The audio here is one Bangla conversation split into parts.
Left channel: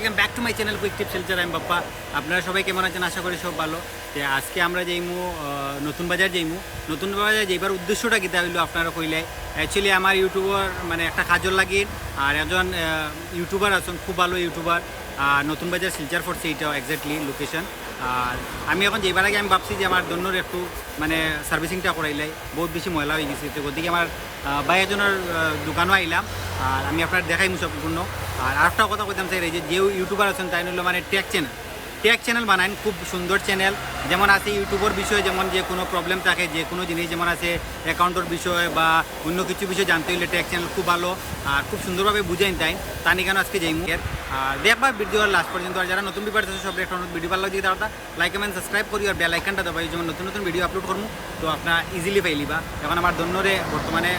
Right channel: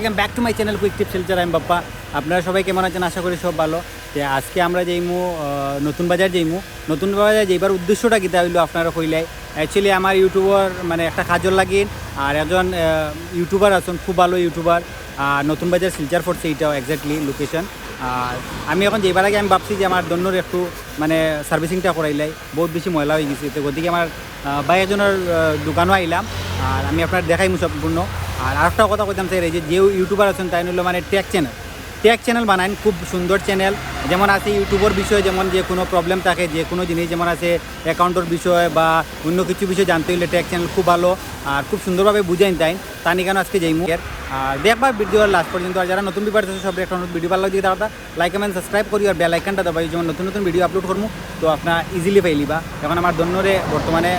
Welcome back to my channel quick tip সেলচার। আমি বাপ্পা। আপনারা সবাই কেমন আছেন? আশা করি সব ভালো। যে আজকে আমরা যাইমু নতুন বাজার যাইবার উদ্দেশ্যটা কিতা হইলো আপনারা কইলাই। অ্যাকচুয়ালি আমার ইউটিউবার মানে একটা কাজল লাগিন আর একজন ইউটিউবার আছেন, খুব ভালো ইউটিউবার। নতুন বাজার শিলচার পড়ছে, এটাও এক্স্যাক্টলি লোকেশন। আর আমি এখন যাইবার আগে আমি ভাবছি যে আমার দন্যর একটু মানে সার্ভিসিংটা করাইলাই, বহুত বেশি ময়লা হয়ে গেছে। তো গতিকে আমার ভাই একজনের দোকানও আইলাম আর আমি আপনার দেখাইমু সম্পূর্ণ। আর আরেকটা কথা কইতাম চাই, যে ইউটিউবার আছেন তাই হলো মানে টেক চ্যানেল বানান, খুব সুন্দর চ্যানেল। যেমন আছে ইউটিউবের বিষয়ে, যেমন যে কোনো প্রবলেম থাকে, যে কোনো জিনিস যেমন আছে অ্যাকাউন্টের বিষয় বা অন্য কিছু বিষয় জানতে হইলে টেক চ্যানেল খুব ভালো আর খুব সুন্দরভাবে বুঝাইন তাই তানি কেন আজকে যাইমু। আর দেখবার ভিডিওর লাস্ট পর্যন্ত। আর যারা নতুন ভিডিও আছে সব একটা ভিডিও ভালো লাগে দাদা লাইক কমেন্ট সাবস্ক্রাইব করি আর বেল আইকনটা দাবাই, যেমন নতুন নতুন ভিডিও আপলোড করবো তো আপনার ইজিলি পাইলিবা। এখন আমার দন্যরে বর্তমানে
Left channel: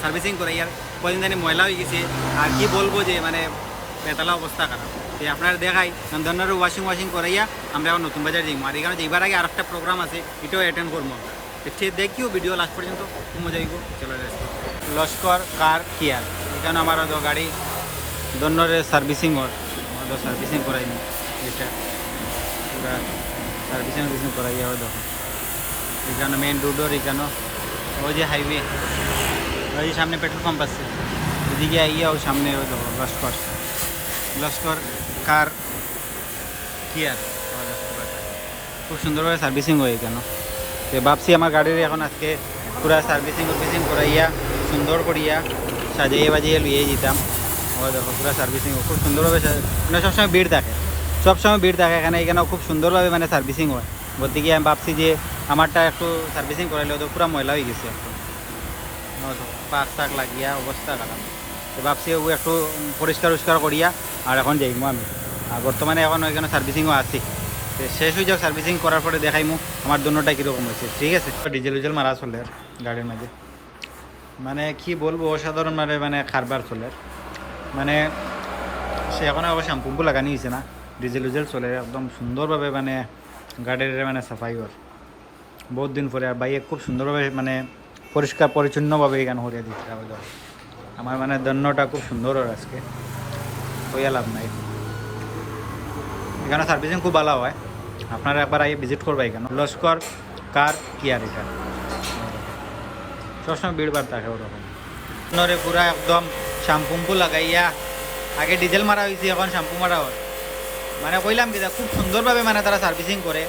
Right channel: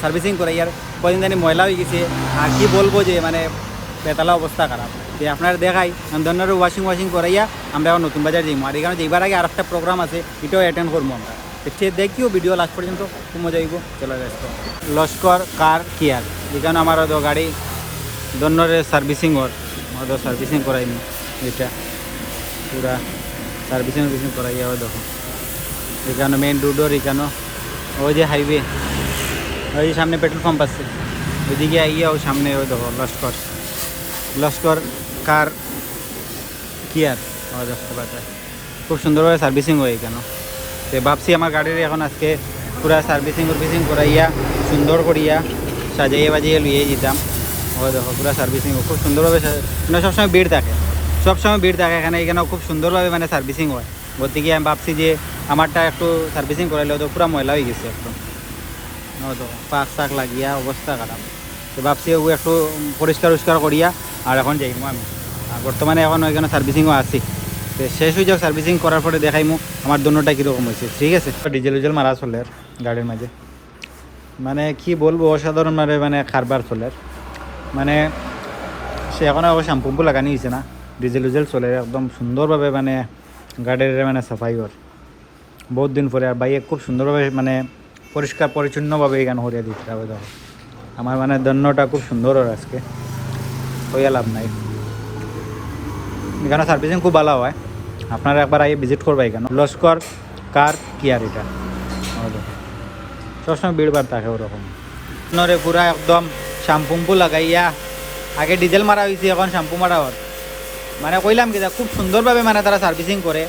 সার্ভিসিং করে আর কদিন জানি ময়লা হয়ে গেছে আর কি বলবো যে মানে বেতালা অবস্থা খারাপ। যে আপনারা দেখাই ধরনের ওয়াশিং করাইয়া আমরা এখন নতুন বাজার যাইমু। আর এখানে যাইবার আগে আর একটা প্রোগ্রাম আছে, এটাও অ্যাটেন্ড করবো আমরা। সে দেখিও ভিডিও লাস্ট পর্যন্ত, খুব মজা হইব। চলো লস্কর কার কেয়ার, এখানে আমার গাড়ি ধরনের সার্ভিসিং করাইমু। এটা পুরা সার্ভিসিং করাইয়া দেখো এখানে মেইন রোডর, এখানে ওই যে হাইওয়ে, ওই যে সামনে পেট্রোল পাম্প আছে, ওইদিকে আইয়া ওই সামনে ওই দেখো লস্কর কার কেয়ার দেখতে পাচ্ছেন। খুব সুন্দরভাবে সার্ভিসিং হয় এখানে। তো ভাবছি আমার গাড়ির এখন আজকে পুরা সার্ভিসিং করাইয়া সুন্দর করিয়া সাজাইয়া বাজিয়ে লুয়ে যেতাম। ওই দেখো পুরা সার্ভিসিং খুব সুন্দরভাবে, মানে সবসময় ভিড় থাকে এখানেও খুব সুন্দরভাবে মানে সার্ভিসিং হয়। গতিকে আমি ভাবছি যে আমারটা একটু সার্ভিসিং করাইলে তো পুরা ময়লা হয়ে গেছে একদম, তো পাক লাগিয়া অবস্থা খারাপ। তো ভাবছি ও একটু পরিষ্কার করিয়া আর এখন যাইমু আমি। আর বর্তমানে এখন ওইখানে সার্ভিসিংও আছি। তো শেষ হয়ে যাও সার্ভিসিং করার পরে দেখাইমু আমার দোনোটা কীরকম হয়েছে, ঠিক আছে? ডিজেল মারা চলে গাড়ির মাঝে, মানে কি বলবো, অসাধারণ মানে খারবার চলে। মানে সে এখন অবশ্য শ্যাম্পু লাগানি হয়েছে না, ডিজেল চলে একদম সুন্দরভাবে, মানে গাড়ির মানে সাফাই ওর বহুত দিন পরে। আর বাইক খুব সুন্দরভাবে মানে পরিষ্কার পরিচ্ছন্নভাবে এখানে হরিয়া দিতে হবে। আমার মানে দন্যটা খুব সুন্দর ওর আজকে হইয়া লাভ নাই। এখানে সার্ভিসিং খুব ভালো হয়, আপনারা একবার আগে ভিজিট করবা এখানে। লস্কর কার কেয়ার, এটা সবসময় ভিড় ভাড় থাকে ওরকম। নরে পুরা একদম শ্যাম্পু লাগাইয়া, আগে ডিজেল মারা হয়েছে এখন শ্যাম্পু মারা ওর, মানে কইলাম কি খুব সুন্দরভাবে মানে তারা সার্ভিসিং করে।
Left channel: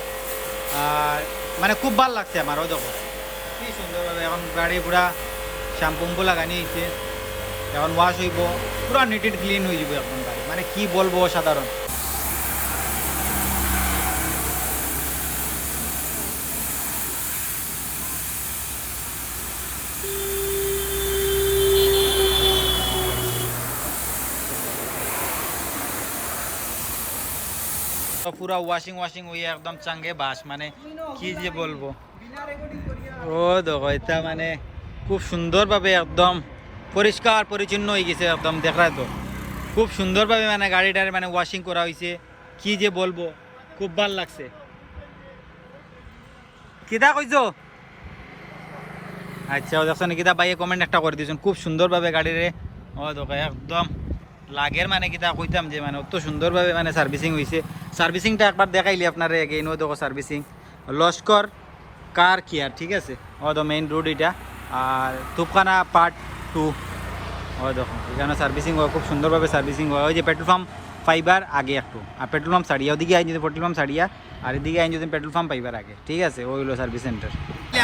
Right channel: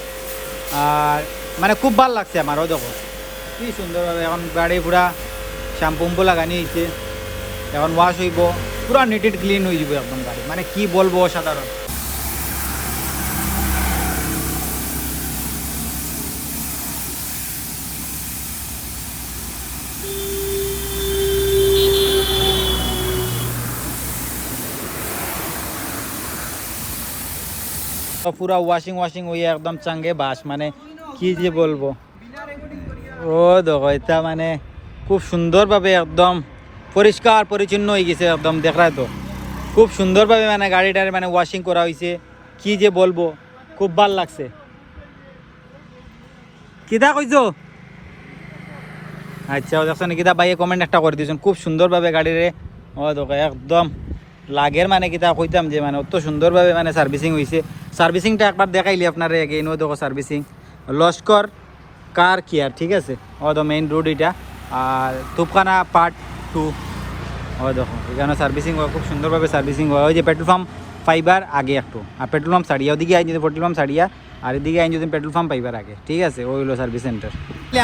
আর মানে খুব ভালো লাগছে আমারও, দেখো কি সুন্দরভাবে এখন গাড়ি পুরা শ্যাম্পু লাগানি হয়েছে। এখন ওয়াশ হইব, পুরা নিট এন্ড ক্লিন হয়ে যাব একদম গাড়ি, মানে কি বলবো অসাধারণ। পুরা ওয়াশিং হয়ে একদম চাঙ্গে বাস, মানে কি যে বলবো। ও দেখো এটা মানে খুব সুন্দরভাবে একদম পরিষ্কার পরিচ্ছন্ন হয়ে গেছে একদম, দেখায় তো খুব সুন্দরভাবে মানে গাড়িটার মানে ওয়াশিং করা হয়েছে। কি যে বলবো, খুব ভাল লাগছে। কিদা কইছো? আচ্ছা দেখছেন কিতা ভাইয়ে কমেন্ট একটা করে দিয়েছেন, খুব সুন্দরভাবে গাড়িরে ও দেখো একদম লাগের, মানে কিতা কইতাম যে মানে অত সুন্দরভাবে মানে সার্ভিসিং হয়েছে। সার্ভিসিংটা একবার দেখাইলি আপনারা এগেইন। ও দেখো সার্ভিসিং লস্কর কার কেয়ার, ঠিক আছে? ও তো মেইন রোড এটা, আর তুপখানা পার্ট 2। ও দেখো এখানে সার্ভিসিং হয়, খুব সুন্দরভাবে সার্ভিসিং হয়। ওই যে পেট্রোল পাম্প পাইবার আগে একটু, আর পেট্রোল পাম্প সারিয়া ওদিকে আইন যদি পেট্রোল পাম্প সারিয়া, আর এদিকে আইন যদি পেট্রোল পাম্প পাইবার আগে, ঠিক আছে? ওই হলো সার্ভিস সেন্টার।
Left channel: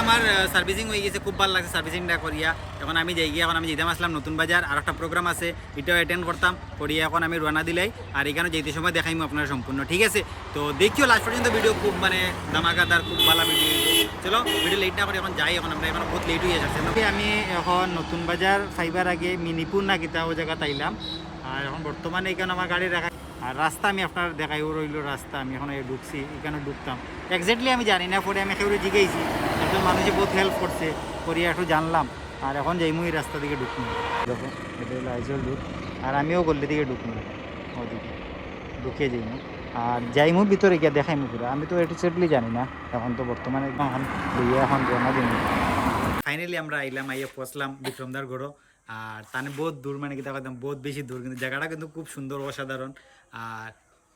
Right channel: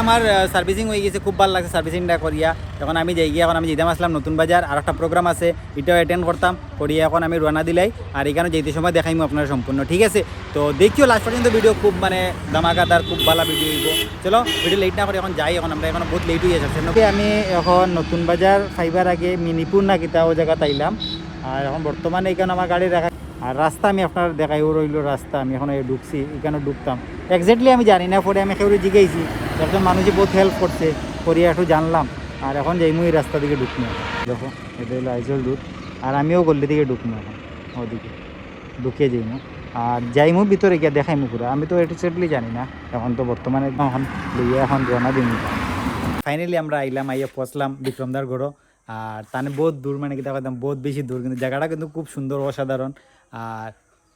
আমার সার্ভিসিং হয়ে গেছে, খুব ভালো লাগছে সার্ভিসিংটা করিয়া। এখন আমি যাই গিয়ে, এখন আমি যেতাম আসলাম নতুন বাজার, আর একটা প্রোগ্রাম আছে, এটাও অ্যাটেন্ড করতাম করিয়া এখন আমি রওনা দিলাই। আর এখানে যেতে সময় দেখাইমু আপনারা সম্পূর্ণ, ঠিক আছে? তো দেখিও লাস্ট পর্যন্ত ভিডিও, খুব মানে ধামাকাদার, খুব ভালো ভিডিও হইব। চলো ভিডিও লেট না করে এখন যাই, এখন আমরা এখন বহুত লেট হয়ে যাচ্ছে। আমি এখন নতুন বাজার ফাইবার আগে মিনিপুর না কিতা ও জায়গা তাইলাম। আর এখন বর্তমানে এখানে আমার গাড়ি রাখা, আর রাস্তা আমি আপনার দেখাই ও রইল রাস্তা। আমি এখন ঢুকছি, এখানে ঢুকতাম এক্স্যাক্টলি আমি জানি না, পরে আমি কেউ জিজ্ঞাসি, একজন মানুষে বহুত হেল্প করছে, করিয়া একটু জানলাম। আর এখন যাইমু এই রাস্তা দিকে ঢুকবো। দেখো এটা হলো আইজল রুট, আর আমিও গল্লি দিকে ঢুকবো এখন, ওদিকে ঢুকিয়ে যাইমু। আর যাইমু ভিতরে গিয়ে দেখাইমু পুরা। আমি তো এক্স্যাক্টলি জানি না, এখন তো বর্তমানে এখন লইয়া এখন রওনা দিন। ফাইনালি আমরা আইলাম, আইয়া পৌঁছলাম বিক্রমদার গড়। আর তানে বহুত দূর, মানে কিতা কইতাম বহুত বেশি দূর, কিন্তু জায়গাটা কিন্তু খুব সুন্দর অসাধারণ। আর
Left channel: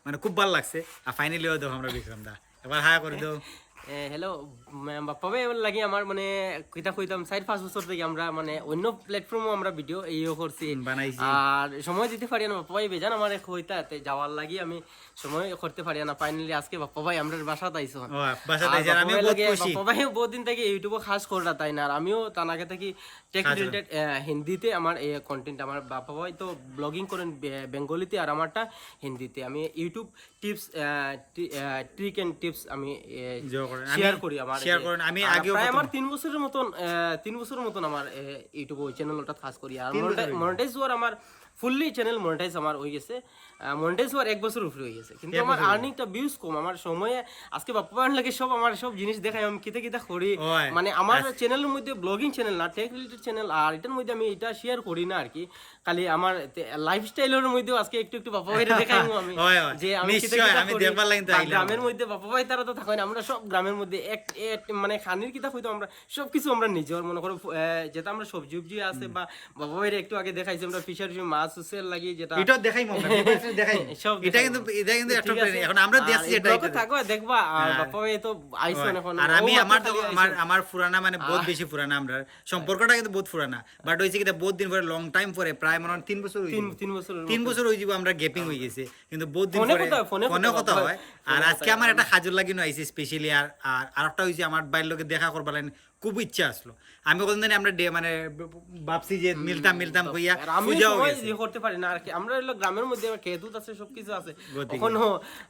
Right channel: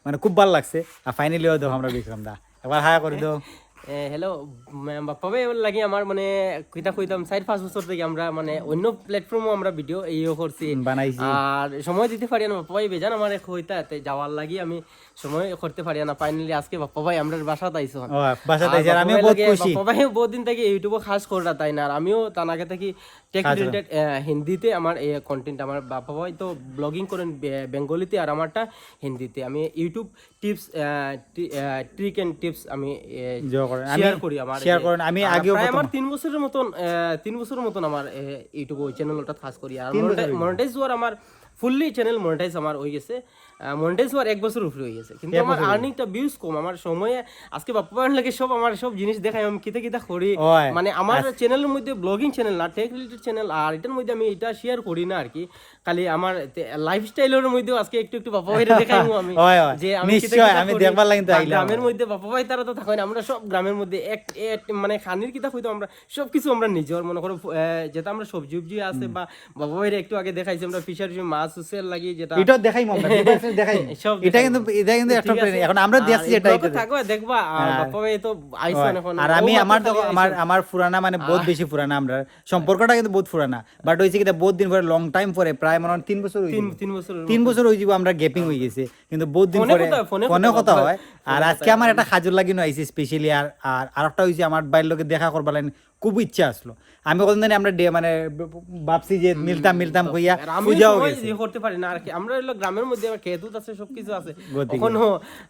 মানে খুব ভালো লাগছে। আর ফাইনালিও দেখো আমরা বিক্রম দা একবার হায়া করে দাও। হ্যালো বাপ্পা ভাই, এবার লাগে আমার মানে কইতা কইতাম 4-5 বছর থেকে আমরা মানে অন্য প্ল্যাটফর্মও আমরা ভিডিও এইও করছি বানাইছি। আর সময় দিতে পারি না বাপ্পা ভাই, বেজান আমার কইতাতে যাওয়ার লাগি আমি সময় করতে পারি না। ফাইনালি আজকে বাপ্পা ভাই আমরা বাসাতে আইছো। ও বাসাতে আইছে, আর আমিও বহুত খুশি। বাপ্পা ভাই বহুত দিন থেকে ইউটিউবে খাস করা তাই না, আর আমিও তার আগে থেকে টেক রিলেটেড হিন্দিতে আমার এই কন্টেন্ট, আমার বাপ্পা ভাই তো ব্লগিং করেন বেঙ্গলিতে আর আমারটা হিন্দিতে। আমি YouTube tips trick and tips আমি শেয়ার করি। আমি আগেও আমার 3 বছরের মতন আমার ইউটিউব চ্যানেলটা খাস করি। আর মনিটাইজ হওয়ার আমার ফুললি চ্যানেল মনিটাইজ আমার হয়ে গেছে, মনিটাইজ হওয়ার 1 বছর উপরে হয়ে গেছে, কিন্তু আমার আর্নিংটা ভিউজ কম। আমার সময়ে আজকে বাপ্পা ভাইয়ের লাগে সব আমার সব জিনিস দেখাই আমি কিতা কিতা করি, মানে আমার চ্যানেলের মধ্যে ব্লগিং চ্যানেল না, টেক রিলেটেড চ্যানেল, আর এটার মধ্যে আমি এটা শেয়ার করি না আর কি। খালি আমার লাইফস্টাইলের মধ্যে আজকে একটু একটু বাপ্পা ভাইরে দেখাইমু আমি, যে আমি নিশ্চয় আমি দেখবার লাগি তো আইলাম। গ্রামের মধ্যে বাপ্পা ভাই তারা তো থাকেন, আমরা সব গ্রামের মধ্যে এক মানে খানির কিতা কইতো আমরা সবকিছু আমরা নিজের মনে করো, যেটা আমরা সবজি উবজি আছে বা বাপ্পা ভাইরে একটু আগে দেখাইছি আমরা ফিশারি মাছ উসেল লাগি, যেটা এটা দেখাইমু আমরা দেখাই। এটা কিন্তু একটা এখন আমরা দেখছি, এটা থাকবা দেখবা। আর বাপ্পা ভাই তো আইসন এখন, আর আমি আমার পুরানা মানে বহুত বেশি পুরানা, আমরা সম্পর্কটা কিন্তু বহুত পুরানা, বাট হইছে কি বহুত দিন পরে লং টাইম পরে প্রায় মনে 3 বছর হই 3 বছর হই যাব আমরা গ্যাপিং হই গেছে, কিন্তু বহুত দিন পরে ফোনে কথা হয়। আর আজকে আমার একটা খাজুর লাগিনো আইছে স্পেশালি। আর আরেকটা হইছে আমার বাইর লোকে দেখা করবার লাইন খুব ইচ্ছা আসলো। আমি কতদিন জানি আমরা মানে ভাবছি যে মিলতাম কইয়া পূজাও গেছে করতে পারি না। আর কি আমরা হলো গ্রামের মধ্যে খেতুত আছে, সবকিছু আছে, এখনো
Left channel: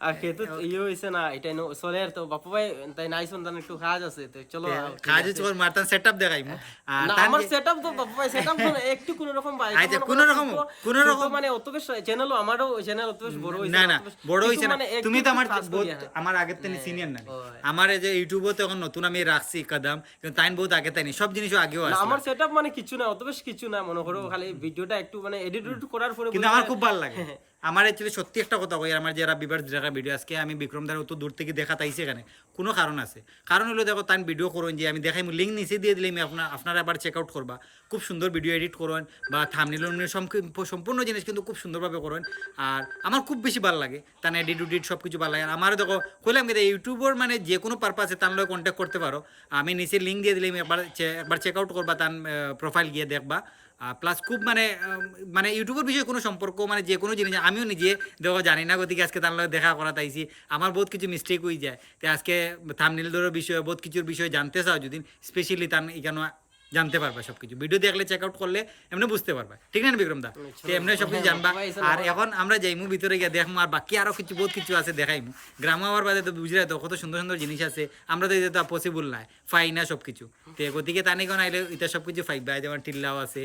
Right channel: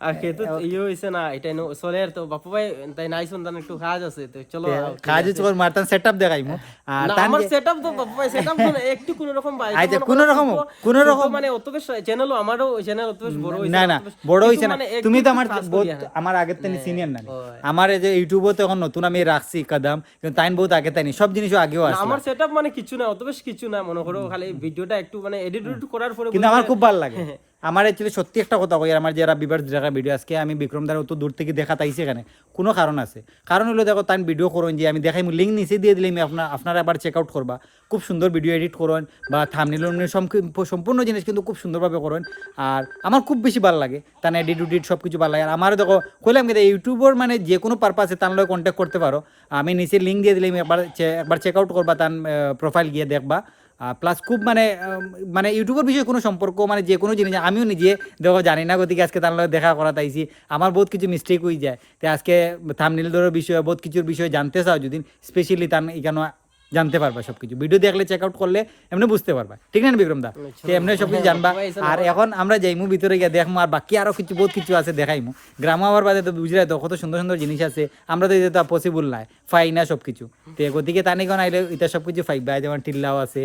আর খেতুত ইয়ে হইছে না, এটা সোলের তো বাপু ভাই তাই নাইছন জান একটু কাজ আছে, তো চলো কাজ চল মারতাম সেটআপ দেখাইমু। আর আমার সেটআপ তো বাপু ভাই সেটআপ তো একটু কোন রকম ভাই, আচ্ছা কোন রকম মানে অত বেশ চ্যানেলও আমারও চ্যানেল অত বেশ বড় হইছে না বড় হইছে না। তুমি তো আমার আগের থেকে সিনিয়র না, আমার এই যে ইউটিউবও তো এখন নতুন আমি রাখছি কদম, কিন্তু তাইন বহুত আগে তাইনি সব জিনিসও আগেও আছে। আমার সেটআপ মানে কিছু না, অত বেশ কিছু না, মনে করো খালি ভিডিওটা একটু মানে এডিট করার পরে, কিন্তু আমার খুব ভালো লাগে। আমার অ্যাকচুয়ালি সত্যি একটা কথা কই, আমার যারা বিভার দেখা ভিডিও আজকে আমি বিক্রম দার অত দূর থেকে দেখা তাইছি এখানে কোনো কারণ আছে। কারণ হলো দেখো তাই ভিডিও করুন যে আমি দেখাই লিঙ্ক নিচে দিয়ে দিলে আপনারা আবার চেক আউট করবা। খুব সুন্দর ভিডিও এডিট করুন বা থাম্বনেল সম্পূর্ণ জিনিস কিন্তু খুব সুন্দরভাবে করুন। আর আমার খুব বেশি ভালো লাগে তার এডিট সব কিছু ভালো লাগে। আর আমারও দেখো কইলাম কিন্তু ইউটিউবের মানে যে কোনো পারপাসে তার লগে কন্ট্যাক্ট করতে পারো। আমি নিচে লিঙ্ক দিয়ে দিলে একবার চেক আউট করবা, তার প্রোফাইল গিয়ে দেখবা। প্লাস খুব মানে ইউটিউবের বিষয়ে কোনো সম্পর্ক মানে যে কোনো জিনিস আমিও নিজে দেখো জানি না, গতিকে আজকে তার লগে দেখা করা তাইছি। আমার বহুত কিছু মিস্টেক হয়ে যায়, তো আজকে থাম্বনেল ধরার বিষয়ে বহুত কিছুর বিষয়ে জানতে চাও যদি স্পেশালি তার এখানে জানতে পারবা সব কিছু। ভিডিও দেখলে চেক আউট করলে এমনি বুঝতে পারবা, ঠিক না বিক্রম দা? তো এমনি সব কিছু জানবা। আর এখন আমরা যাইমু ভিতরে গিয়ে দেখমু, আর বাকি আরো কিছু বহুত কিছু আছে দেখাইমু। গ্রাম আবার বাদে তো বুঝলে তো কত সুন্দর সুন্দর জিনিস আছে, আমরা তো এটা পসিবল নাই, ফাই না সব কিছু। তো গতিকে তানিগণ আইলে এটা সব কিছু ফাইবা, যেমন টিল্লাও আছে,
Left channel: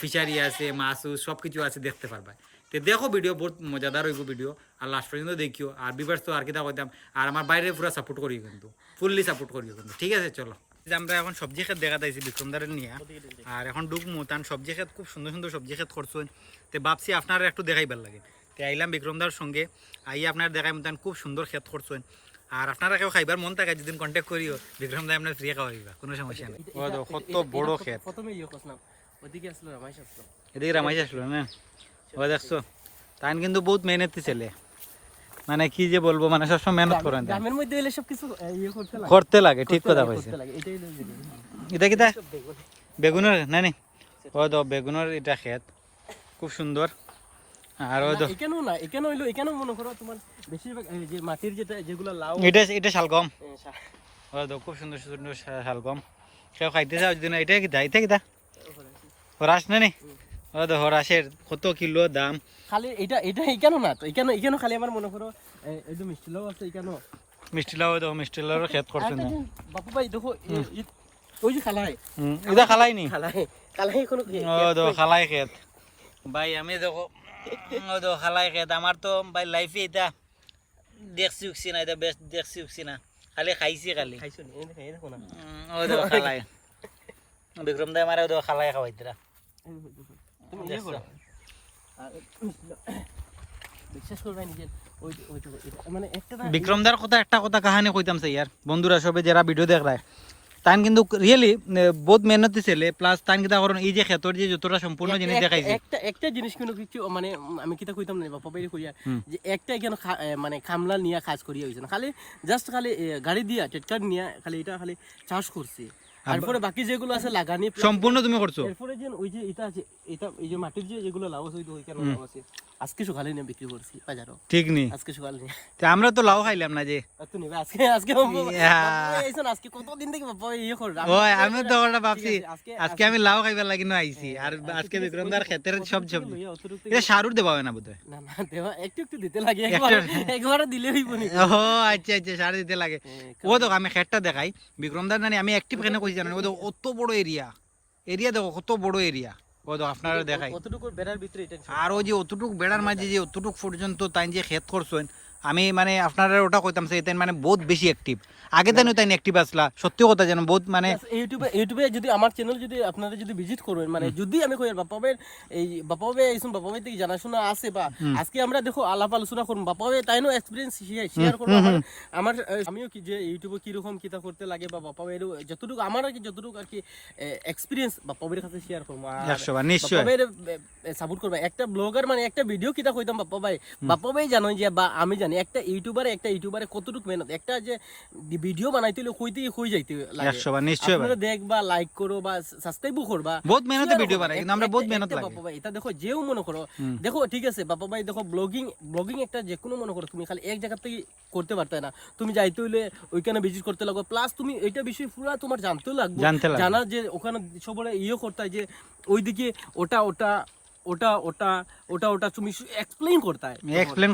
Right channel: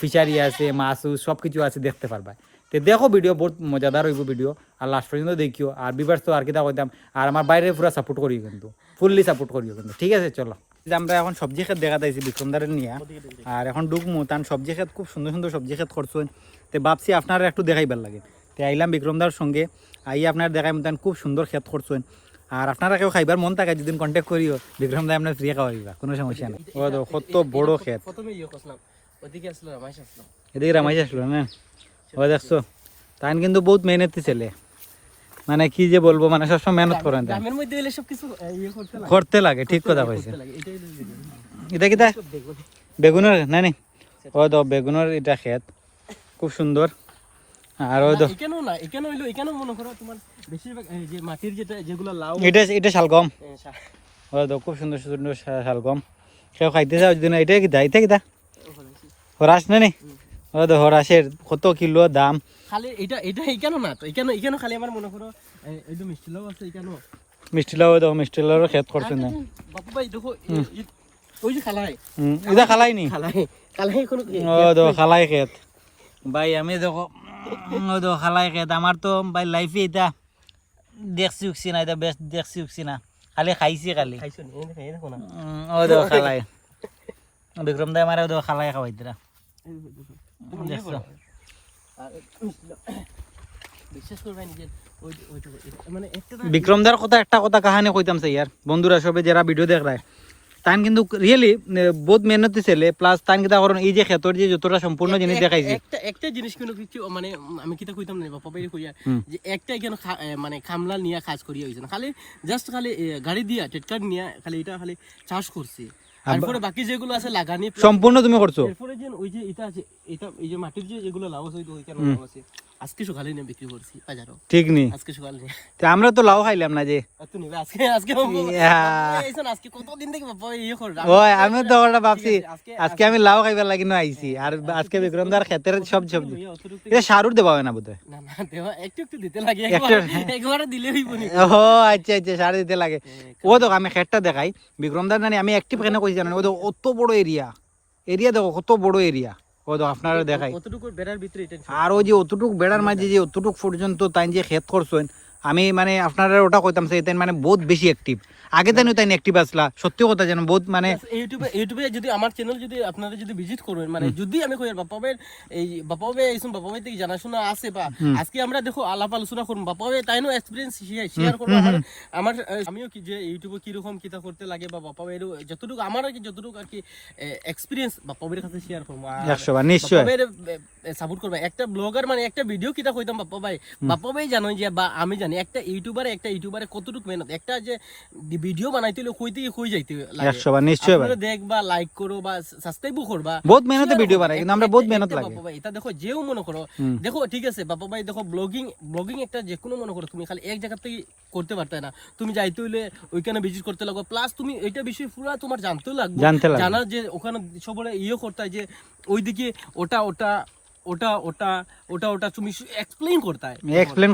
ফিশারি আছে, মাছ সব কিছু আছে, দেখতে পারবা। তো দেখো ভিডিও বহুত মজাদার হইব ভিডিও, আর লাস্ট পর্যন্ত দেখিও। আর বিভার্স তো আর কিতা কইতাম, আর আমার বাইরে পুরো সাপোর্ট করিও, কিন্তু ফুললি সাপোর্ট করিও কিন্তু, ঠিক আছে? চলো আমরা এখন সবজি ক্ষেত দেখা যাইছি বিক্রমদারের নিয়ে, আর এখন ঢুকমু তান সবজি ক্ষেত খুব সুন্দর সুন্দর সবজি ক্ষেত করছেন। তো ভাবছি আপনারা একটু দেখাইবার লাগে, তো আইলাম বিক্রমদার সঙ্গে, আই আপনার দেখাই তান খুব সুন্দর ক্ষেত করছেন। আর আপনারা কেউ খাইবার মন থাকে যদি কন্ট্যাক্ট করিও, বিক্রম দা আপনার ফ্রি খাওয়াইবা, কোনো সমস্যা নাই। কত বড় ক্ষেত, এদিকে রামাইশ আসলো না, ও দেখছো তাই কিন্তু বহুত মেহনতি ছেলে, মানে কি যে বলবো, মানে সবসময় মেহনত করেন, করতে লাগে, ঠিক কথা কইছে। এটা কিতা বেগুনের না নি? ও তো বেগুনের এটা ক্ষেত খুব সুন্দর। আর ও তো এখানেও না, এখানে হইলো, এখানে মনে করো তোমার বেশিরভাগ এই যে মাটির যেগুলো লাউ, এটা শালগম, ও তো খুব সুন্দর সুন্দর শালগম। কেউ খাইতে যাও যদি না, এটা কিতা, এটা কিতা হরাস না নি? ও তো হরাসের কত কিলো দাম। খালি এটা এখানেও না, তো এখানে খালি আমার মনে করো এই যে মিষ্টি লাউ আছে, এখানেও মিষ্টি লাউ, দেখো মিষ্টি লাউর ক্ষেত করছেন না বাপু ভাই, দেখো ওই যে খালাই, এটা খালাই নি, খালাই কোন, ও তো খালাই ক্ষেত ভাই। আমি দেখো ও তো খালাই ক্ষেত, আমার তো ভাই লাইফে এটা দেখছি উঠছি না, এটা বেস্ট দেখছি উঠছি না, খালি খাইছি খালি। ও তো খালাই বিক্রম দা আমার খালাই খাওয়াইতে না। বিক্রমদার কথা একটা কথা কাহানি কইতাম ইয়ার বন্ধুরা সবে যারা ভিডিও দেখলায়, তান কিন্তু রিয়েলি বহুত মেহনতি ছেলে প্লাস তান কিতা করেন এই যে ক্ষেতর যে যতটা সম্পূর্ণ জিনিস দেখাইছে একটা জিনিস কোনো কিছু মানে আমি কিতা কইতাম না বাবা বাইরে কইয়া যে একটা কেন মানে খামলা নিয়া কাজ করিয়া হইছে না খালি জাস্ট খালি গাড়ি দিয়া ট্রাক্টর নিয়া খালি এটা খালি চাষ করছি তারপরে বাকি যেগুলো আছে লাগানি সম্পূর্ণ তুমি করছো এরপরে যে ওই যে এটা আছে এটা এই যে মাটির যে যেগুলো লাভ আছে ওই কেন লাভ আছে আজকে সকালে নিয়ে বিক্রি করছি বাজারও ঠিক নি আজকে সকালে নিয়ে আমরা তো লাউ খাইলাম না যে তো নিবে আজকে আজকে আজকে কতদিন থেকে বাবা ইয়ে কর ওই আমি তো ওটা ভাবছি আজকে আমি লাউ খাইবার লাগি না আইছি আর আজকে বিক্রমদার ক্ষেতের সব সবজি এটা সারুর দেবা হয় না বুঝতে না না দেবা একটু একটু দিতে লাগে একবার দিলে হইব না ও আচ্ছা আচ্ছা সার দিতে লাগে ও দেখো আমি ক্ষেতটা দেখাই বিক্রমদার জানি আমি অ্যাক্টিভ কেন কইছি জানেন ও দেখো অত বড় এরিয়া দেখো কত বড় এরিয়া ও দেখো আপনারা দেখাই কতটুকু বেড়ার ভিতরে এটা আর ওই যে অতটুক বেড়ার মাঝে যে অতটুক পর্যন্ত তাই যে ক্ষেত করছেন আমি মানে আপনারা ওটা কইতাম সেই তাই মানে বহুত বেশি অ্যাক্টিভ আগে তাই তাই অ্যাক্টিভ আসলা সত্যি কথা জানো বহুত মানে ইউটিউবে যদি আমার চ্যানেল যদি আপনারা যদি ভিজিট করবেন মানে যদি আমি কই বাপাবের এই বাপাবে এইসব বাপাবে থেকে জানাশোনা আছে বা আজকে আমরা দেখো আলাপ আলোচনা করব বাপাবে তাইনো এক্সপেরিয়েন্স শেয়ার করব আমার আমিও কি যে ইউটিউবে কি রকম কিতা করতে লাগে বা বাপাবের যতটুকু আমার কি যতটুকু আর কি এক্সপেরিয়েন্স বাপাবের কাছে শেয়ার করব 100 নিশ্চয় বাপাবের সাপোর্ট করব একটা ব্লগার মানে একটা ভিডিও কিতা কইতাম বাপাবে জানো যে বা আমি জানি একটা ইউটিউবারে কতটুকু মেহনত একটা যে ভিডিও বানাইতে হলে কই থেকে কই যাইতে লাগে 100 নিশ্চয় আপনারা দেখবা লাইক করো বা সাবস্ক্রাইবও করবা বহুত মেহনতে ভিডিও বানাই কিন্তু আমরা বহুত মেহনত লাগে বাবা ভাই এটা দেখো যেও মনে করো দেখো ঠিক আছে বাবা ভাই দেখো ব্লগিং একটা যে কোনো মনে করো তুমি খালি এক জায়গা থেকে করতে পারতে না তুমি যাইতে হইলে ওইখানে ভিজিট করতে লাগবে প্লাস তুমি এটা বিষয় পুরো তোমার জানতেও লাগবে জানা যে ওখানে সবরে ইয়ে করতে হয় যে ওইদিকে ওটা ওটা ওটা ওটা ওটা ওটা তুমি এক্সপ্লেইন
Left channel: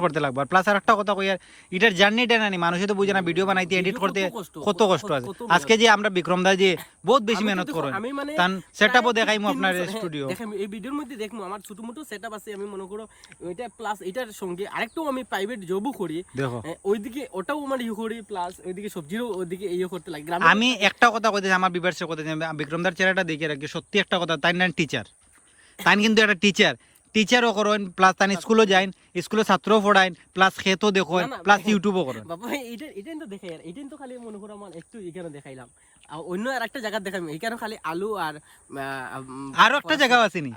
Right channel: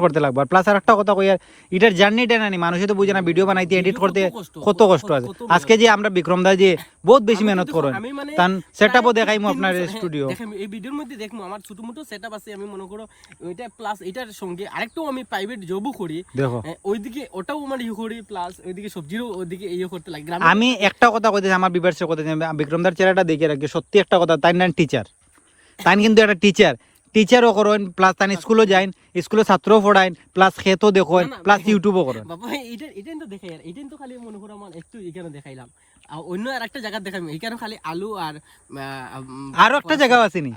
করতে লাগবে প্লাস আর একটা কথা কই আর এটার জার্নিটা না মানুষই তো বুঝে না ভিডিও বানাইতে এডিট করতে কত কষ্ট আছে আজকে যে আমরা বিক্রমদা যে বহুত বেশি মেহনত করেন তান সেটআপও দেখাইমু আপনার স্টুডিও দেখেন এই ভিডিওর মধ্যে দেখমু আমার ছোটমোটো সেটআপ আছে আমি মনে করো ওইটা প্লাস এটার সঙ্গে আরেকটাও আমি প্রাইভেট জবও করি দেখো ওইদিকে ওটাও আমার ইয়ে করি প্লাস ওইদিকে সবজিরও ওইদিকে ইয়ে করতে লাগে আমি একটা কথা কইতেছি আমার বিভার্সের কথা বিক্রমদার চেহারাটা দেখে রাখি সত্যি একটা কথা তাই না টিচার তাই কিন্তু একটা টিচারও করেন প্লাস তাই স্কুলও যাইন স্কুলে ছাত্রও পড়াইন প্লাস খেতও দেখেন প্লাস ইউটিউবও করেন বাবা এটা তো দেখাই আর এটা তো খালি মনে করো আমার একটু এখানে দেখাইলাম অন্য আর একটা জায়গা দেখাই এখানে খালি আলু আর আরো একটা জায়গা আছে নি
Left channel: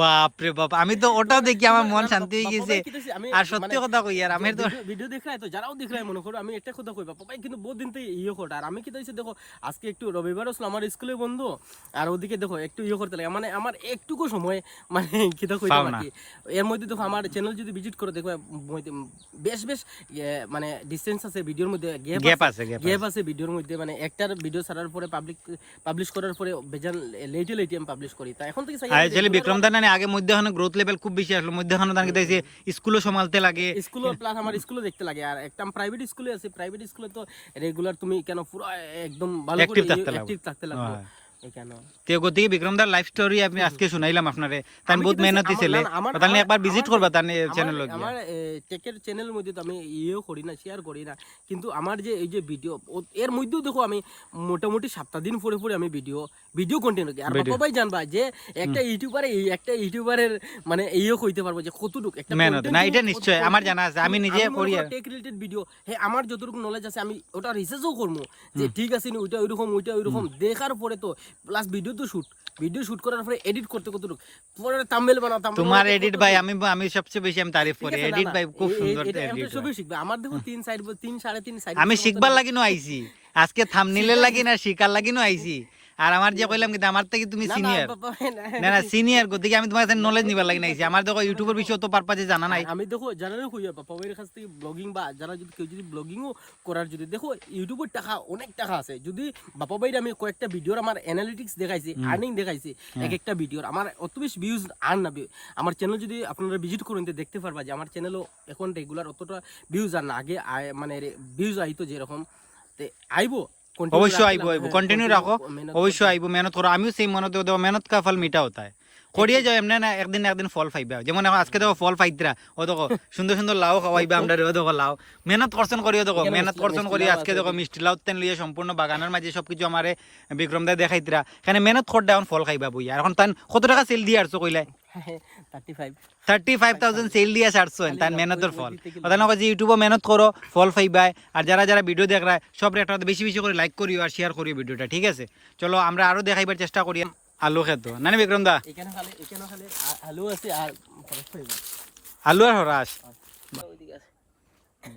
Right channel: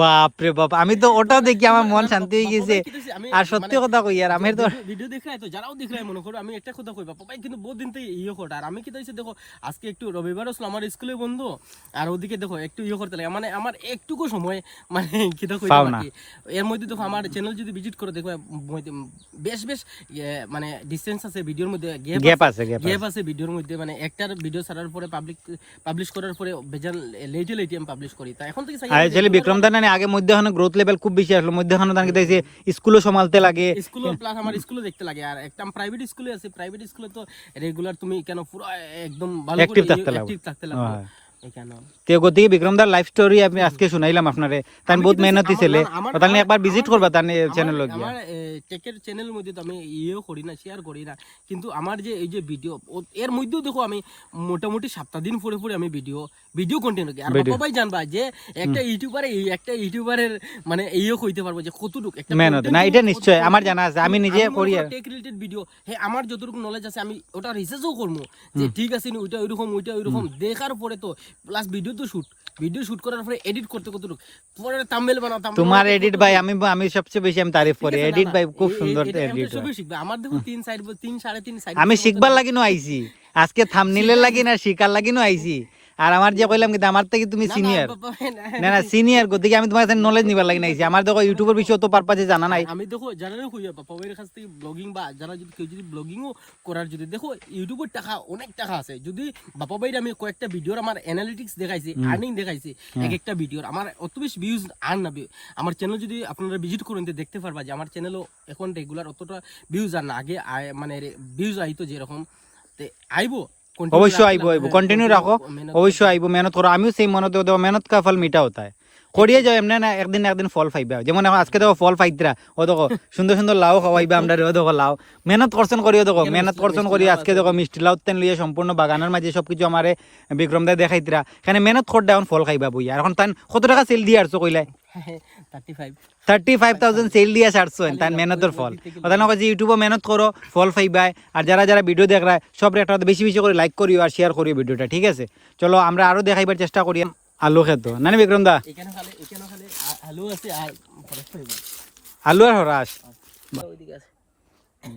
বাপ রে বাপ আমি তো ওটাও দেখি আমার মন শান্তি হয়ে গেছে আর সত্যি কথা কই আর আমি তো ভিডিও দেখাই তো যারাও দেখাই মনে করো আমি একটা কথা কই বাবা ভাই কিন্তু বহুত দিন থেকে ইয়ে করতে আর আমি কি তাইছে দেখো আজকে একটু রবিবার আসলে আমার স্কুলে বন্ধ আর ওদিকে দেখো একটু ইয়ে করতে লাগে মানে আমার একটুকু সময় মানে কি তো কইতাম কি এর মধ্যে দেখো আমার চ্যানেল যদি ভিজিট করে দেখো বেশ মানে ডিসটেন্স আছে ভিডিওর মধ্যে গ্যাপ আছে ভিডিওর মধ্যে মানে একটার ভিডিও ছাড়ার পরে পাবলিশ করার পরে বেজান লেটে আমি পাবলিশ করি তা এখন থেকে আসলে বিক্রম দা না আগে মধ্যখানে গ্রোথ লেভেল খুব বেশি আসলো মধ্যখানে দাঁড়িয়ে দেখছি স্কুলও সম্ভালতে লাগে স্কুলও প্লাস আমার স্কুলও দেখতে লাগে আর একটা প্রাইভেট স্কুলে আছে প্রাইভেট স্কুলে তো রেগুলার তুমি কেন পুরো একদম ভালো করে অ্যাক্টিভ থাকতে লাগে গতিকে বিক্রমদার লাইফ স্টোরি আমি আজকে শুনাইলাম আপনারে তাই বহুত মেহনতি ছেলে তাহলে একবার ভিজিট করবা তার চ্যানেল আমার টেকের চ্যানেলের মধ্যে তো আমি ইয়েও করি না শেয়ার করি না কিন্তু আমার যে এই যে ভিডিও এর মধ্যেও দেখো আমি মোটামুটি 7 দিন পরে আমি ভিডিও কন্টেন্ট করি আর সবাই জানবা যে একটা ইউটিউবারের মানে ইয়েও কইতে পারবো যে কতটুকু একটা মেহনত না এটা নিশ্চয় আমার জানা আছে আমি নিজে করি আর টেক রিলেটেড ভিডিও আমার যতটুকু নলেজ আছে আমি ওটা রিসার্চও করব যে ঠিক আছে নি ওইটা ওইরকম দেখার পরে তো প্লাস ভিডিও শুট করার পরে এডিট করতে কতটুকু পরে থাম্বনেল বানাতাম তোমার এডিট ভাই আমি সবচেয়ে বেশি আমি তারিফ করি এডিট ভাই খুব সুন্দর এডিট সবই শিখবে আমার দেখো 3 3.5 সাইড আমি শিখবার লাগিনো আইছি আজকে থাম্বনেলের লাগি না শিকার লাগিনো আইছি আর আমার যে কইলাম কিন্তু আমার থেকে তুমি সিনিয়র না সিনিয়র গতিকে আমি তোমার কাছে নলেজ নিবার লাগি নাইছি আমার দেখো ইউটিউবের বিষয়ে তো পারপাজে জানা নাই আমি দেখো জানা না কইয়া বাবার কাছ থেকে ব্লগিং বা যারা যদি কেউ যদি ব্লগিংও করার যদি দেখো ইউটিউবের টাকা অনেক টাকা আছে যদি বাবা ভাইয়ের আমি কয়েকটা ভিডিওর আমার অ্যানালিটিক্স দেখাইছি আর্নিং দেখাইছি এক একটা ভিডিওর আমার অত বেশি ভিউজ আর না আমার চ্যানেল যদি আপনারা ভিজিট করেন দেখতে পারবা যে আমার চ্যানেলও এখন রেগুলার অতটা ভিউজ আর না আগে মানে ভিউজ আইতো যেরকম আইবো অবশ্যই আইবো কন্টিনিউ রাখো অবশ্যই আইবো মেহনত করো আমিও সেই মেহনত কা ফল মিঠা হতা है করিয়ে যাও এমনি না একদিন না একদিন ফল পাইবা যেমন এখন আজকে দেখো ফল পাইতরা ও দেখো সুন্দর সুন্দর লাউ খাওয়াইবা আমরা ও দেখো লাউ মেহনত করছেন করিও দেখো মেহনত করছেন করি আজকে দেখো মিষ্টি লাউ তেন লিয়ে সম্পূর্ণ বাগানের মাঝে সবকিছু আমারে বিক্রম দা দেখাইতরা এখানে মেহনত করতে এখন ফল খাইবা বইয়া এখন তান কত টাকা সেল দিয়ে আসছো কইলাই 35,000 সেল দিয়ে আসছো তার মেহনতের ফল কথা না যে ইউটিউবে মেহনত করো ফল পাইবাই আর যারা যারা ভিডিও দেখ রায় সব একটা বেশি বেশি করে লাইক করিও আর শেয়ার করিও ভিডিওটা ঠিক আছে চলো আমরা আরো দেখাইবার চেষ্টা করি আলু খেত না বিক্রম দা আলু আর হরাস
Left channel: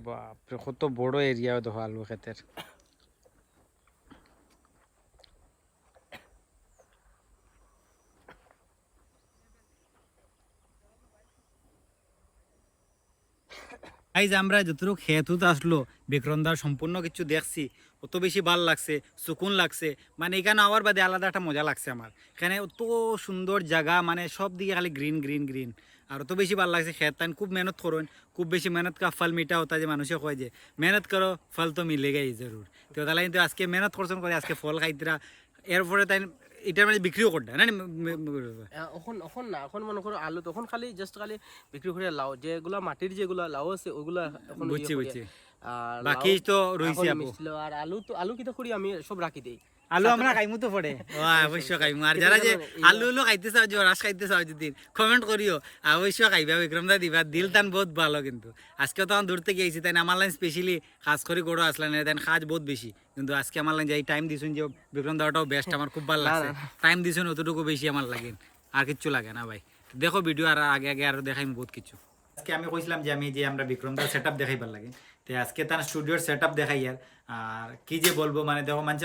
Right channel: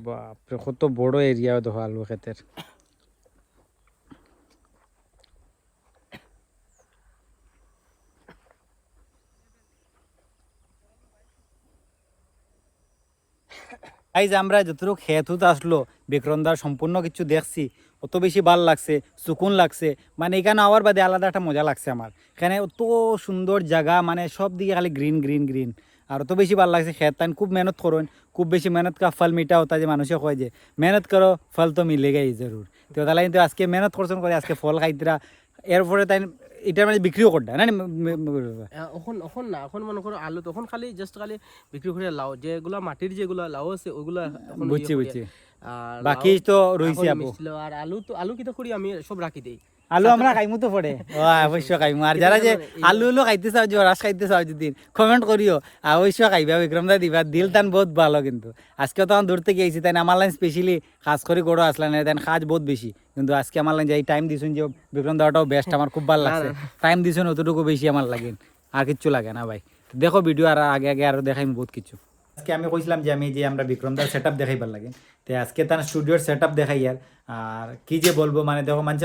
বাপরে কত বড় এরিয়া দেখো আলু ক্ষেতের আমরা যতটুকু খেতুত আসলো বিক্রমদার সম্পূর্ণ কিছু দেখছি অত বেশি ভাল লাগছে সুকুন লাগছে মানে এখানে আওয়ার বাদে আলাদা একটা মজা লাগছে আমার এখানে অত সুন্দর জায়গা মানে সব দিকে খালি গ্রিন গ্রিন গ্রিন আর অত বেশি ভাল লাগছে খেত তাই খুব মেহনত করুন খুব বেশি মেহনত কা ফল মিঠা হতা যে মানুষে কয় যে মেহনত করো ফল তো মিলেগাই জরুর তো তাহলে কিন্তু আজকে মেহনত করছেন করে আজকে ফল খাইতরা এরপরে তাই এটার মানে বিক্রিও করতে না এখন না এখন মনে করো আলু তখন খালি জাস্ট খালি বিক্রি করে লাউ যেগুলা মাটির যেগুলা লাউ আছে ওগুলা বুঝছি বুঝছি বাকি তো রইছে আর আলু কিটা করি আমি সব রাখি দেই আলু আমরা খাইমু তো পড়ে অবশ্য খাইমু আর যারা যে আলু উলু খাইতে চাও যে রস খাইতে চাও যদি কমেন্ট করিও অবশ্য খাইবা বিক্রম দা দিবা দিল তান বহুত ভালো কিন্তু আজকে তখন দূর থেকে আইছি তাই আমার লাইন স্পেশালি খাস করে গড়ো আসলেন তাই কাজ বহুত বেশি কিন্তু আজকে আমার লাইন যাই টাইম দিছুন যে বিক্রম দাওয়াটাও বেস্ট আমার খুব ভালো লাগছে টাইম দিছুন অতটুকু বেশি আমার লাগে আর কিচ্ছু লাগে না ভাই দেখো ভিডিও আর আগে আগে আরো দেখাইম বহুত কিছু আজকে আমি কইছিলাম যে আমরা বিক্রমদার সেটআপ দেখাইবার লাগে তো আজকে তার স্টুডিওর সেটআপ দেখাই আর কি যে বলবো মানে দেখো মানুষ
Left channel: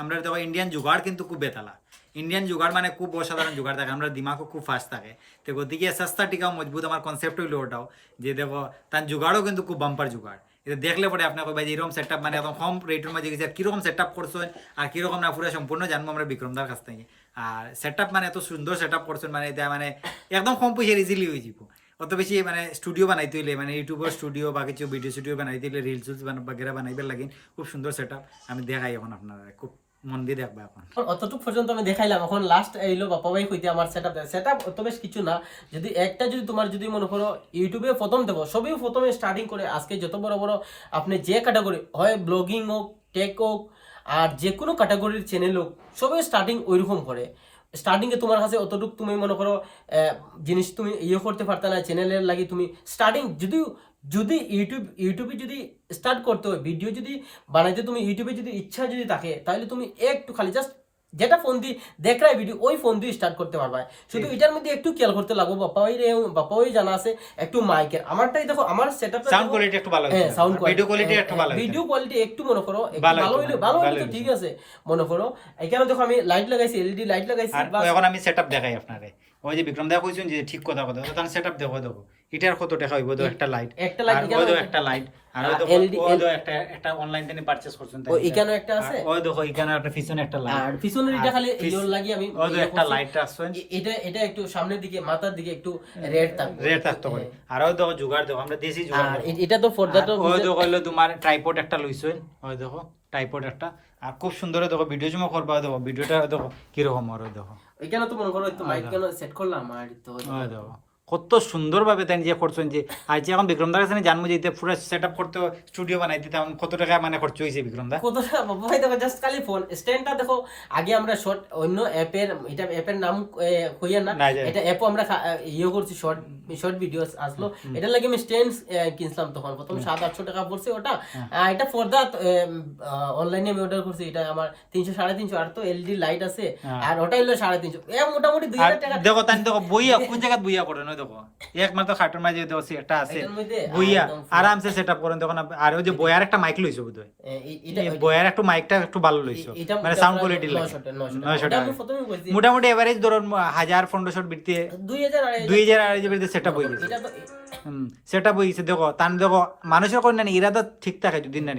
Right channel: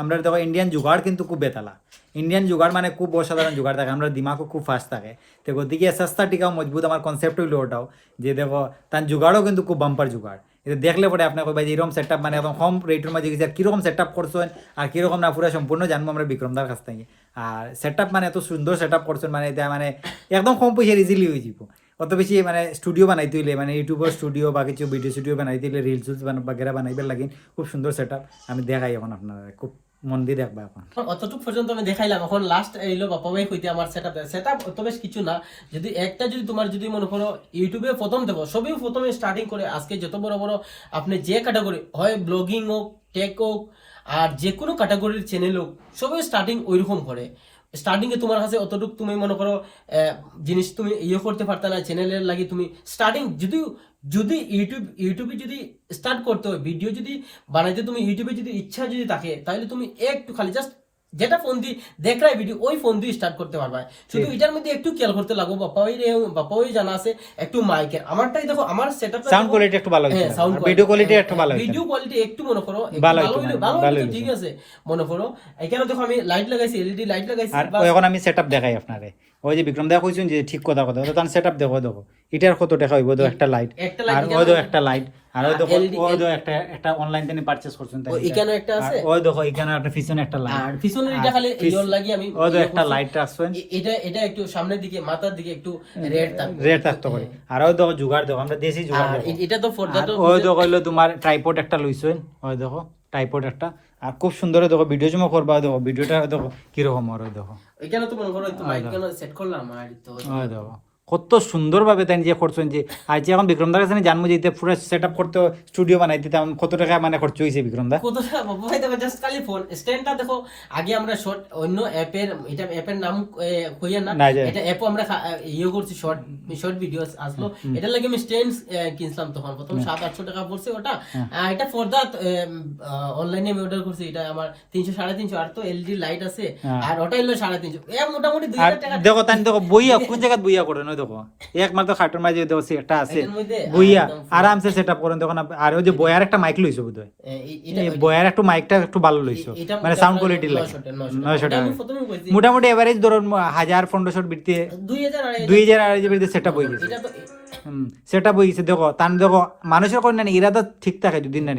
আমরা দেখো ইন্ডিয়ান জুগাড় কিন্তু খুব বেতালা ইন্ডিয়ান জুগাড় মানে খুব অসাধারণ জুগাড় থাকে আমরা দিমাগও খুব ফাস্ট থাকে তো গতিকে সস্তা টিকাও মজবুত আমার কনসেপ্ট হইলো ওটাও যে দেখো তার জুগাড়ও কিন্তু খুব বাম্পার জুগাড় এটা দেখলে পরে আপনার কইবা যে এরকম সেটআপ মানে একদম কম রেটের মাঝে গেছে আর কিরকম সেটআপ করছেন আর কিরকম না পুরো সম্পূর্ণ জানবো আমরা বিক্রমদার কাছ থেকে আর সেটআপ মানে এত সুন্দর সেটআপ করছেন মানে এটা মানে একদম কম পয়সার ইজিলি হয়ে যাব অত বেশি মানে স্টুডিও বানাইতে হইলে মানে ইউটিউবের স্টুডিও বা কিছু ভিডিও স্টুডিও বানাইতে হইলে রিলস বাগেরা বানাইবার লাগিন খুব সুন্দর সেটআপ আমি দেখাই এখন আপনারা খুব মন দিয়ে দেখবা এখন অতটুক পর্যন্ত আমি দেখাইলাম এখন লাস্ট এইলো বাবা ভাই কইতে আমার সেটআপ অত বেশ কিছু না যদি একটা যদি তোমার যদি মনে করো ইউটিউবে প্রথম দেবো সবই প্রথমে স্টার্টিং করে আজকে যত বড় বড় আপনি যে ক্যাটাগরি হয় ব্লগিং হোক টেক হোক আর যে কোনো ক্যাটাগরির চ্যানেল হোক সবই স্টার্টিং ওইরকম করে স্টার্টিংয়ে তোমার কাছে অতটুকু তুমি মনে করো জিনিস তুমি ইয়ে করতে পারতা না চ্যানেলের লাগি তুমি স্টার্টিং যদি ইউটিউবে যদি স্টার্ট করতে হয় ভিডিও যদি বানাইতে তুমি ইউটিউবে যদি ইচ্ছা যদি থাকে তাহলে তুমি একটু খালি জাস্ট যেটা ফোন দিয়ে দেখরাই ভিডিও ওই ফোন দিয়ে স্টার্ট করতে পারবা শুধু এটার মধ্যে একটু খেয়াল করতে লাগবো বাপ্পা ওই জানা আছে একটু মাইকের আমারটাই দেখো আমার সেটআপ সাউন্ড কোয়ালিটি একটু ভালো হইছে সাউন্ড ভিডিও কোয়ালিটি একটু ভালো হইছে ভিডিও কোয়ালিটি একটু মনে করো ভালো হইলো ঠিক আছে মনে করো এখানে দেখো আমি লাইট লাগাইছি এলইডি লাইট লাগাইছি আর এখন আমি সেটআপ দেখাই আপনারে ওই যে বিক্রম দা কইছেন যে ঠিক কথা তো তার সেটআপ দেখো এটার কত টাকা হইব তো একটা লাইট আর ওই তো একটা লাইট আর ওই দেখো ওই তো একটা অনলাইন থেকে পারচেজ করছেন তাই এখানে একটা আছে ওই দেখো এখানে একটা পিছনে একটা লাইট আর পিছনে এটা খালি ইওর লাগি আমি ওই তো একটা লাইট আছে এটা একটু সামনের দিকে মাথার দিকে একটু রেড থাকতে পারে আর ওই দেখো জুগাড় দেখো আমরা দেশি জুগাড় দেখো এটা তো ফর দ্যাট ওই দেখো হলো তোমার ট্রাইপড একটা লইছেন ওই দেখো ট্রাইপড একটা আর খুব সুন্দর দেখো ভিডিও জমা করবা দেখো ভিডিওটা দেখো কি রকম আর ওই দেখো এখানে তো মনে করো একটু মাইক কেন সেট করলাম আর তো ওই দেখো কত সুন্দরভাবে তাই যে করছেন যে আজ এখন বিক্রমদার কাছে জানবো যে পুরো সেট আপ করতে স্টুডিও বানাই দিতে কত টাকা মানে খরচ হয়েছে বিক্রমদা কত টাকা ভাই দেখো জাস্ট খালি ফোন স্ট্যান্ডটা দেখো আগে আমরা শর্ট অন্য অ্যাপের এটা অ্যাপের নাম কইয়া না এটা অ্যাপও আমরা ইয়ে করছি শর্ট ভিডিওস আসলো এটা লাগে আমি স্ট্যান্ড কিনলাম তখন প্রথম 700-800 টাকা পড়ছে ওটা এটা ফর দ্যাট অনলাইনে আমি অর্ডার করছি এটা আমার 300-350 আর তো এলইডি লাইট আছে আর ওটা হলো 350 এ মোটামুটি 2000 টাকা দেখো তাই দেখো বইয়া কোন জায়গা বইয়া করেন দেখো একমাত্র খাটের মাঝে দেখো একটা আছে বইয়া আরামসে সেটআপ করেন তখন আর ওই যে বয়ার একটা মাইক লইছো বোধহয় এই বয়ার একটা মাইকটা একটু ভালো লইছো মানে সাউন্ড কোয়ালিটি লাগে 900 টাকা মোটামুটি এভারেজ ধরুন 1000-1500 বিটতে 2000 বিটতে সেটআপ হয়ে গেছে সেটআপ হয়ে গেছে দেখো তান দেখো মানুষের কোন না ইরাদা ঠিক থাকে যদি না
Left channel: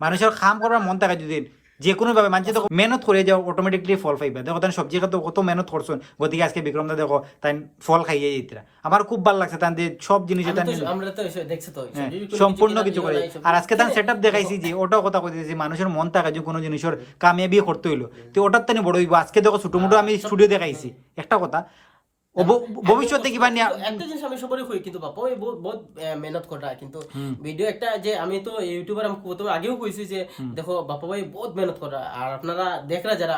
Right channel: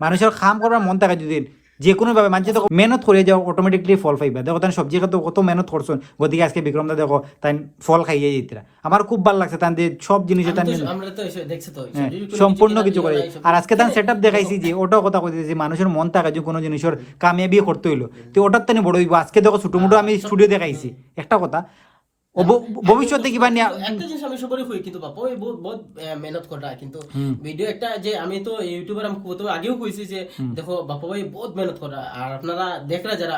মানুষের কাম করার মন থাকে যদি যে কোনো ভাবে মানুষ দেখো মেহনত করে যাও অটোমেটিকলি ফল পাইবা দেখো তাই সবজি খাতে কত মেহনত করছো গতিকে আজকে বিক্রমদা দেখো তাই ফল খাইয়ে যেতরা আমার খুব ভালো লাগছে তাই সব জিনিস সম্পূর্ণ কিছু করে আর আজকে তাই সেটআপ দেখাইছি যে ওটাও কথা কইতেছি মানুষের মন থাকে যে কোনো জিনিসের কামিয়াবি করতে হইলো তো ওটার তাই বড় হইব আজকে দেখো ছোট মোটো আমি স্টুডিও দেখাইছি একটা কথা ভবিষ্যতে কিবা নিয়া একটা জিনিস আমি সবারই কই কিন্তু বাবা ওই বহুত বহুত মেহনত করা কিন্তু ভিডিও একটা যে আমি তো ইউটিউবার আমি প্রথমে আগেও কইছি যে দেখো বাবা ভাই বহুত মেহনত করা আর আপনারা দেখরা যারা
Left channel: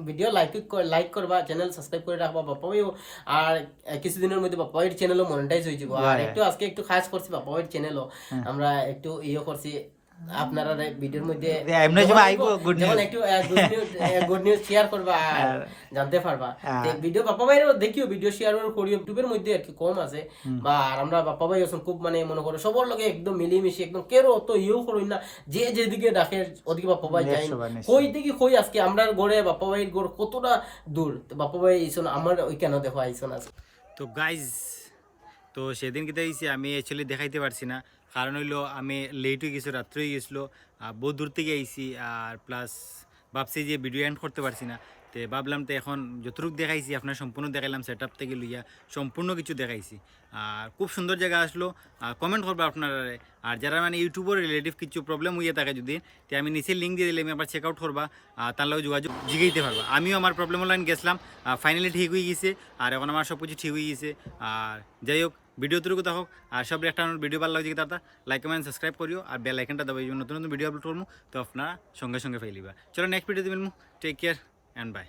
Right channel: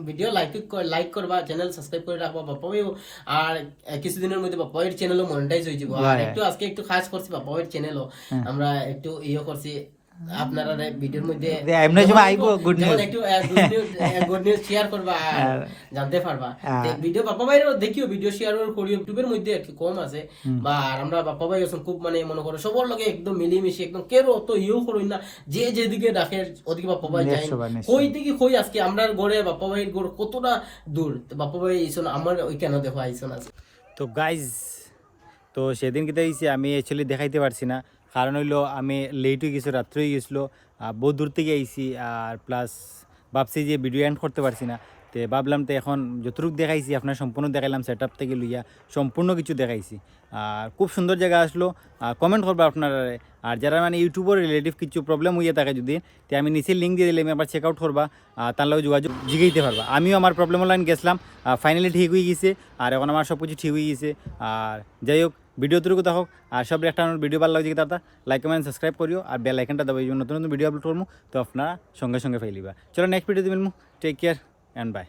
ভিডিও লাইক করবা চ্যানেল সাবস্ক্রাইব করে রাখবা বাবা ভাই আর কিছুদিনের মধ্যে বাবা ভাইয়ের চ্যানেলও মনিটাইজ হয়ে যাব আর একটু আজকে একটু খাস করছি বাবা ভাইয়ের চ্যানেলও আমরা একটু করছি আপনারা ভিডিওর মধ্যে এমনি সময় আইবো গুড যেমন নিউজ একটু গুড নিউজ শেয়ার করবা আর জানতে পারবা ভিডিও বাপ্পা ভাইয়েরও দেখিও ভিডিও শেয়ার করি ইউটিউবের মধ্যে আর কি কম আছে বা আর আমরা বাপ্পা ভাই আছেন খুব মানে মনে করো সবার লগে একদম মিলিমিশি একদম কেউ অত করুন না যে যেদিকে ডাকে ওদিকে বাপ্পা ভাই যায় কই থেকে কই আজকে আমরা ঘরে বাপ্পা ভাইয়ের ঘর কতটা দূর বাপ্পা ভাই আইসন আমার ওই কেন দেখো আইসন আছে তো গাইজ তো সেদিন কিতা হয়েছে আমি অ্যাকচুয়ালি দেখাইতে পারছি না কারণ হইলো আমি লেট হয়ে গেছিলো রাত্রে হয়ে গেছিলো বহু দূর থেকে আইছি আর প্লাস ভাবছি যে ভিডিও এন্ড করতে পারছি না তো ভাবলাম তো এখন যতটুকু দেখাইছি আপনার সম্পূর্ণ দেখাইলাম সেট আপ থেকে লইয়া সম্পূর্ণ কিছু দেখাইছি আর খুব সুন্দর জায়গা আসলো কমেন্ট করবো আপনারা আর যারা মানে ইউটিউবের রিলেটিভ কিছু প্রবলেম হইয়া থাকে যদি তো আমি নিচে লিঙ্ক দিয়ে দিলে আমি আবার চেক আউট করবা তার লগে যোগাযোগ জিগাইতে পারবা আমিও আমার প্রবলেম লাইন গেছিলাম ফাইনালি ঠিক হয়ে গেছে আর এখন আমার সব কিছু ঠিক হয়ে গেছে আর যাই হোক ভিডিও তুলুক থাকুক আর সব একটা ভিডিও ভালো লাগছে দাদা লাইক কমেন্ট সাবস্ক্রাইব করিও আর বেল আইকনটা দাবাই নতুন নতুন ভিডিও আপলোড করবো তো আপনারা সঙ্গে সঙ্গে ফাইলিবা চলো নেক্সট ভিডিও দিবেন টেক কেয়ার অ্যান্ড বাই